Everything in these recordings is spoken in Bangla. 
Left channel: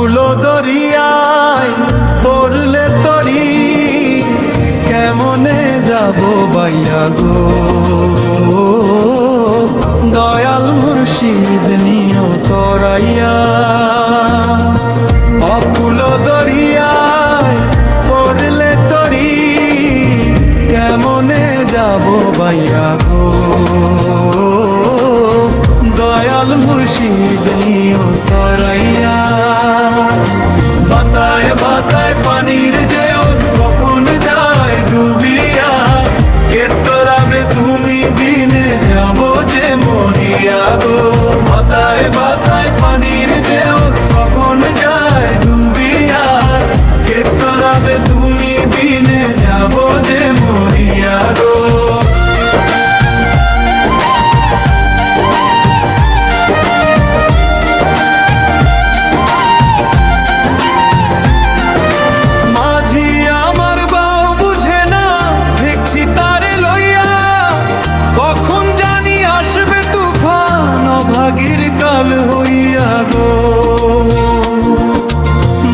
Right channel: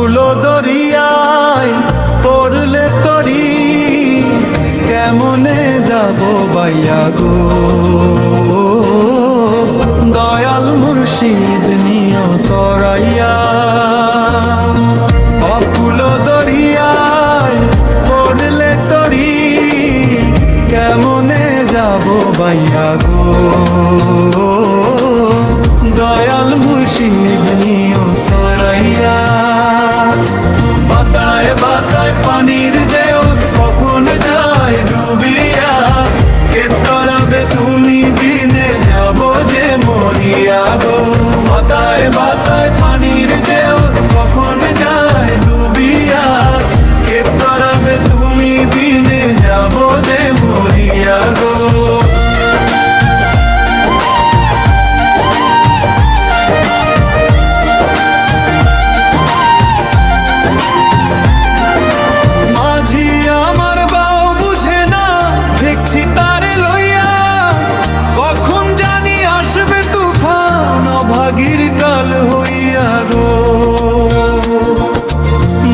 অকুল দরিয়ায় পড়লে তরি কেমনে যাব বাইয়া গো, দয়াল মুর্শিদ নিও তরাইয়া। অকুল দরিয়ায় পড়লে তরি কেমনে যাব বাইয়া গো, দয়াল মুর্শিদ নিও তরাইয়া। বাতায় বাতায় পানির যেও কখন যায় ডুবিয়া, কে তরাবে তুমি বিনে যাব যে মরিয়া গো। বাতায় বাতায় পানির যেও কখন যায় ডুবিয়া, কে তরাবে তুমি বিনে যাব যে মরিয়া গো। মাঝি আমার বাও বুঝে না দেখছি তারে লইয়া, কখন জানি আসবে তুফান অভাগীর কাল হইয়া গো।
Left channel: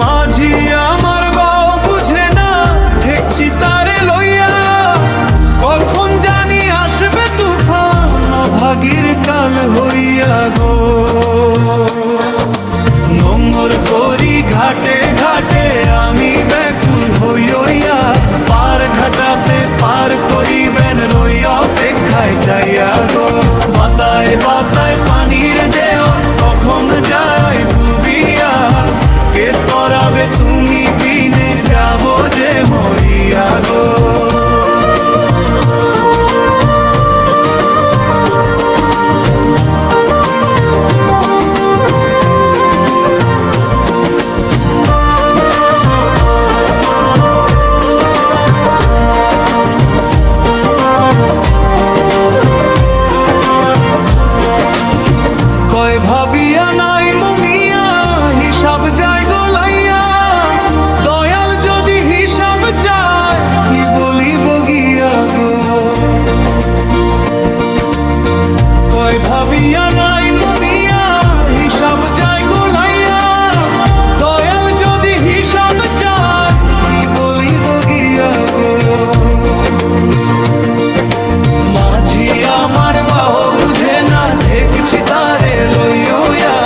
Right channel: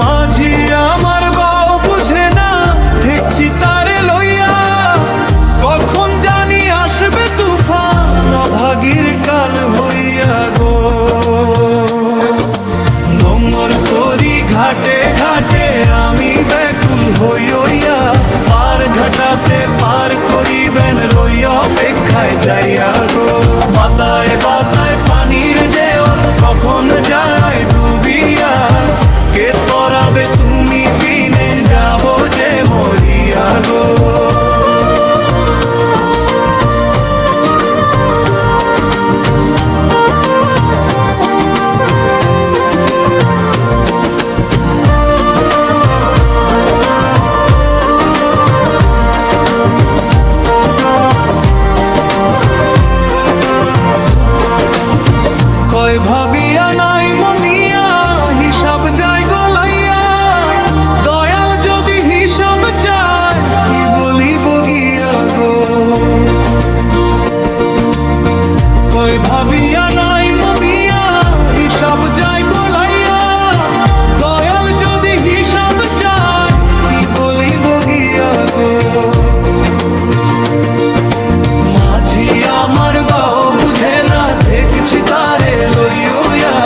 মাঝি আমার বাও বুঝে না দেখছি তারে লইয়া, কখন জানি আসবে তুফান অভাগীর কাল হইয়া গো। নোংর করি ঘাটে ঘাটে আমি ব্যাকুল হইয়া, পার ঘাটাতে পার করিবেন রই অপেক্ষায় যাইয়া গো। বাতায় বাতায় পানির যেও কখন যায় ডুবিয়া, কে তরাবে তুমি বিনে যাব যে মরিয়া গো। কয় ভাবিয়া নাই মমিয়া হিসাব যায় গোলাইয়া, দয়াল যদি হিসাব চায় কি বলিব গিয়া গো। কয় ভাবিয়া নাই মমিয়া হিসাব যায় গোলাইয়া, দয়াল যদি হিসাব চায় কি বলিব গিয়া গো। মাঝি আমার বাও বুঝে না দেখছি তারে লইয়া,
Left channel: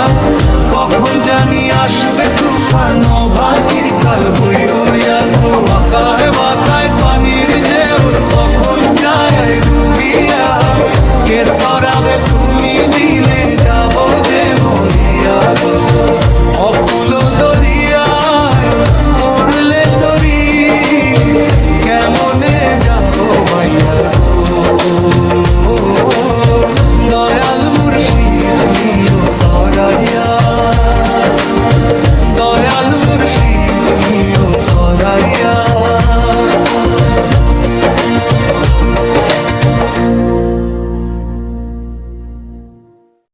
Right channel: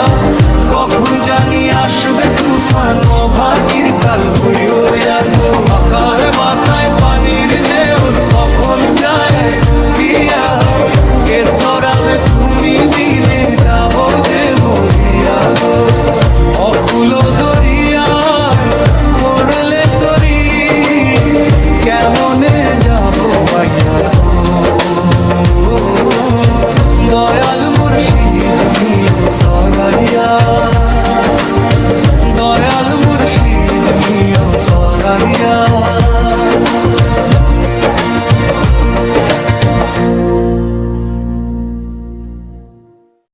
কখন জানি আসবে তুফান অভাগীর কাল হইয়া গো। আকার বাতায় পানির যেও কখন যায় ডুবিয়া, কে তরাবে তুমি দিনে যাব যে মরিয়া গো। অকুল দরিয়ায় পড়লে তরি কেমনে যাব বাইয়া গো, দয়াল মুর্শিদ নিও তরাইয়া। দয়াল মুর্শিদ নিও তরাইয়া।